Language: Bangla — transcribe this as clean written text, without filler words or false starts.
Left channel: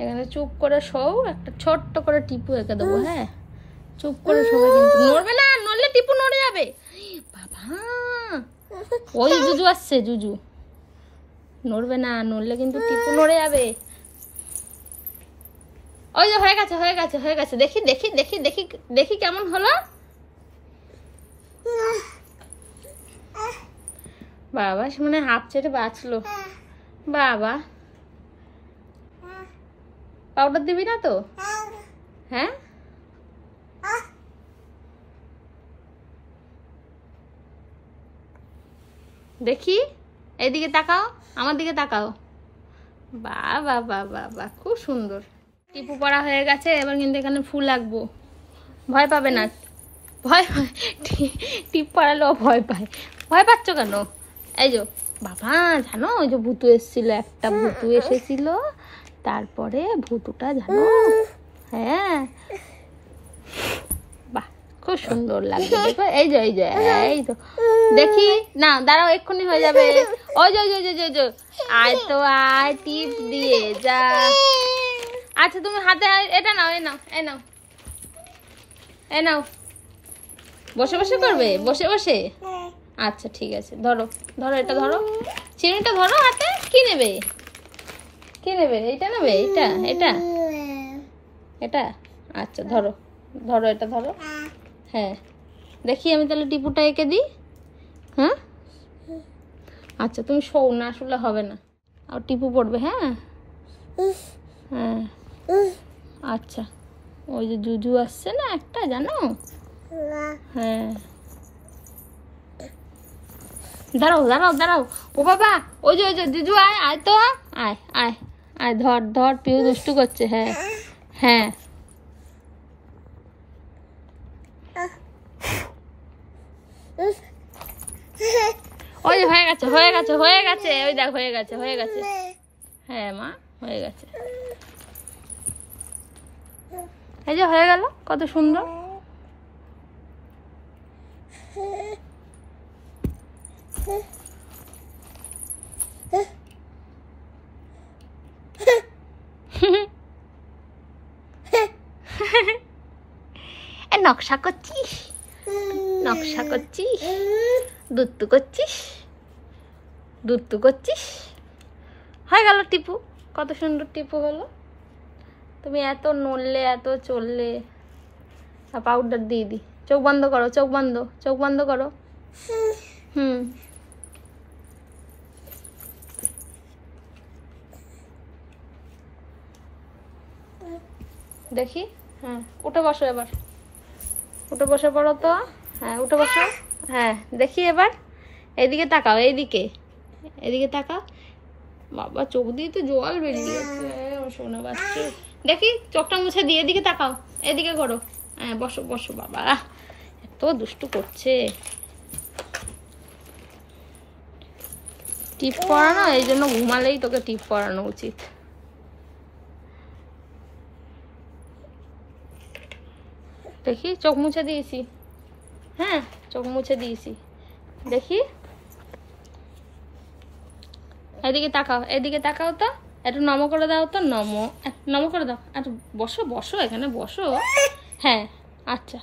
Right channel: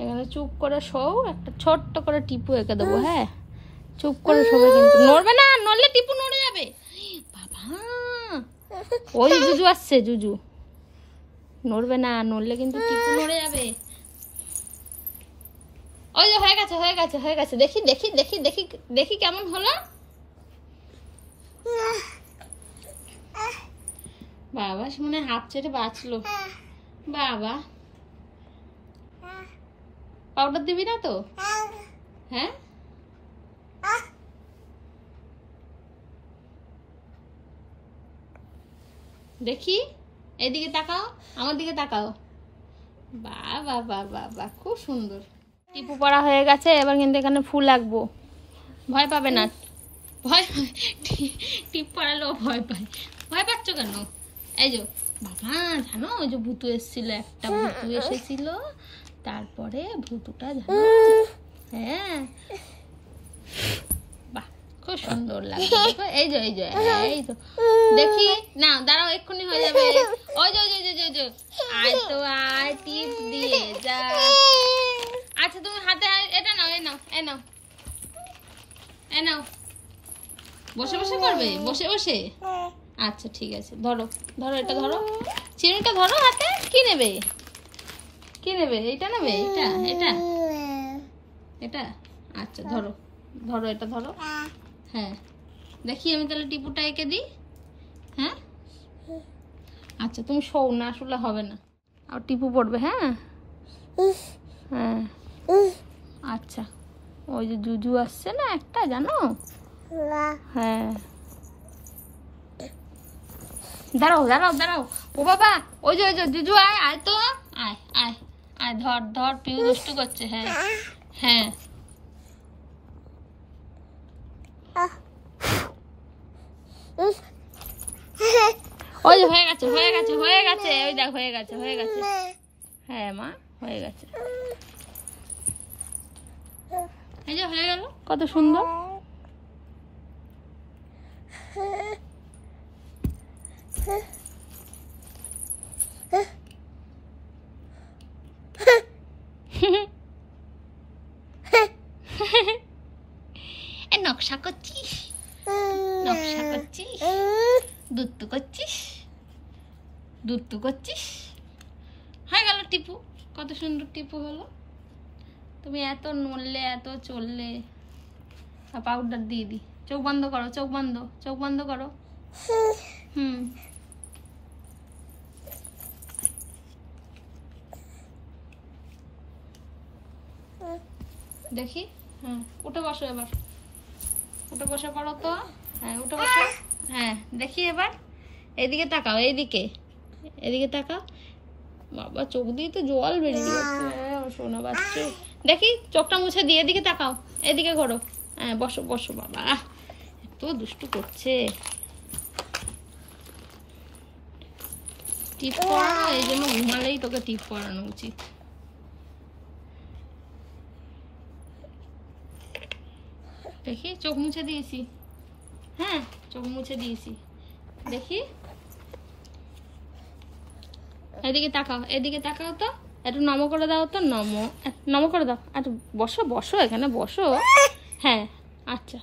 এখানে চুপ করে শোও, একটা ছোট্ট করে টিপু এঁকে দেবো। হ্যাঁ, চুপ করে শোবে, কিন্তু নড়বে না, নড়লে টিপু নড়ে যাবে। বাবা, ওই জুজু আসছে, জুজু নড়বে না, নড়লে কিন্তু টিপু নড়ে যাবে। ওই যে হয়ে গেছে, হয়ে গেছে, হয়ে গেছে। দেখি দেখি দেখি দেখি দেখি কেমন হলো। বাবা মানে হাফ ছেড়ে বাঁচলো। বাবা, পাউডার দিবি না তো? হ্যাঁ, দেখি, এইদিকে তাকাও, আমার দিকে তাকাও। বাবা বাবা বাবা, খুব সুন্দর। টিপু পড়া হয়ে গেছে, এবার কিন্তু এখানে ফুল আঁকবো। ভয় পাবে না, ভয় টিপ পড়ালেও ভয় পায়। ভয় পাচ্ছ কেন? এই যে বাবা, জানো ওই যে ভুতু এসেছিল, একটা ভুতু এসেছিল, তারপরে ভুতুটা জানো, হ্যাঁ, বাহ খুব সুন্দর লাগবে। দেখো এই যে, এই যে, এই তো দেখি না, দাঁড়াও, এক্ষুনি হয়ে যাবে। ওই যে, আয় তো আয়, টিপ দিয়ে যা। আচ্ছা তুমি হাতে এটা নাও, এই নাও, এই নাও, এই নাও। বসে বসে করবে, বসে বসে? আচ্ছা ঠিক আছে, ধরো ধরো, এটা ধরো, চিনিটা ধরো হাতে। কি নেবে, কি নেবে? এইটা নেবে? এইটা, এটা, এটা? আচ্ছা ধরো ধরো, এটা ধরো। হ্যাঁ, দেখি আমি তাহলে টিপুটা এঁকে দিই। হ্যাঁ, আচ্ছা তুমি শোও না, আসলে হবে না, আর টিপু পড়বে। হ্যাঁ হ্যাঁ, আচ্ছা। ওই যে জুজু আসছে না একটা, জানো? হ্যাঁ, দাঁড়াও দাঁড়াও দাঁড়াও। ও বাবা, ওই যে জুজু, আয়, আয় তো, আয় আয় আয়, ধর ধর, পিউ দুষ্টু করছে। হ্যাঁ হ্যাঁ, ওই যে হয়ে গেছে, হয়ে গেছে, হয়ে গেছে, ওই দেখ হয়ে গেছে, হয়ে গেছে। হ্যাঁ মা, হয়ে গেছে। এই যে হয়ে গেল, কত সুন্দর। নকশা করছিস, নকশা করছিস, দুত্তু করছিস, দুত্তু করছিস। হয়ে গেল টিপু, কত সুন্দর টিপু হলো। তুমি এত নড়লে, এত চললে। পাউডার দিয়ে দি, চোখ বন্ধ করো, চোখ বন্ধ, চোখ বন্ধ করো। হুম, দেখি। হ্যাঁ, উঠে বসো এবার, উঠে বসে পড়ো তো। হ্যাঁ, উঠে বসো। হ্যাঁ, দেখি এবার এইদিকে তাকাও, এইদিকে, এদিকে তাকাও। বাবা, চোখ দিয়ে তো জল বেরিয়ে যাচ্ছে, শোনো বাচ্চা। দেখি চোখটা মুছে দিয়ে এদিকে তাকাও, এদিকে করো। হ্যাঁ, বসো বসো। বাবা এত দুষ্টু করছে। টিপ পরানো, এই জন্য ঘুমালেই তোকে টিপ পরানো উচিত। দেখি, চোখ মুছে দিয়েছি। হ্যাঁ, চোখ মুছে দিয়েছি। দেখি, এদিকে তাকাও, এদিকে তাকাও তো, একটু নম করে দাও তো, নম করে দাও। একটু বসো বসো, এখানে বসো। হ্যাঁ, আচ্ছা।